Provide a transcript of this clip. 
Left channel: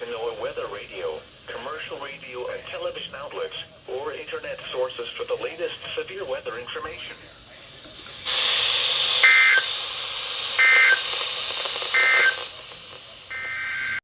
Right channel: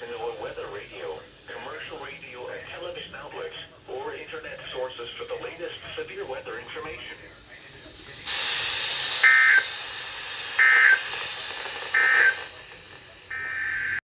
to know weather radio, commercial radio and television outlets, or internet sources for the latest severe weather information.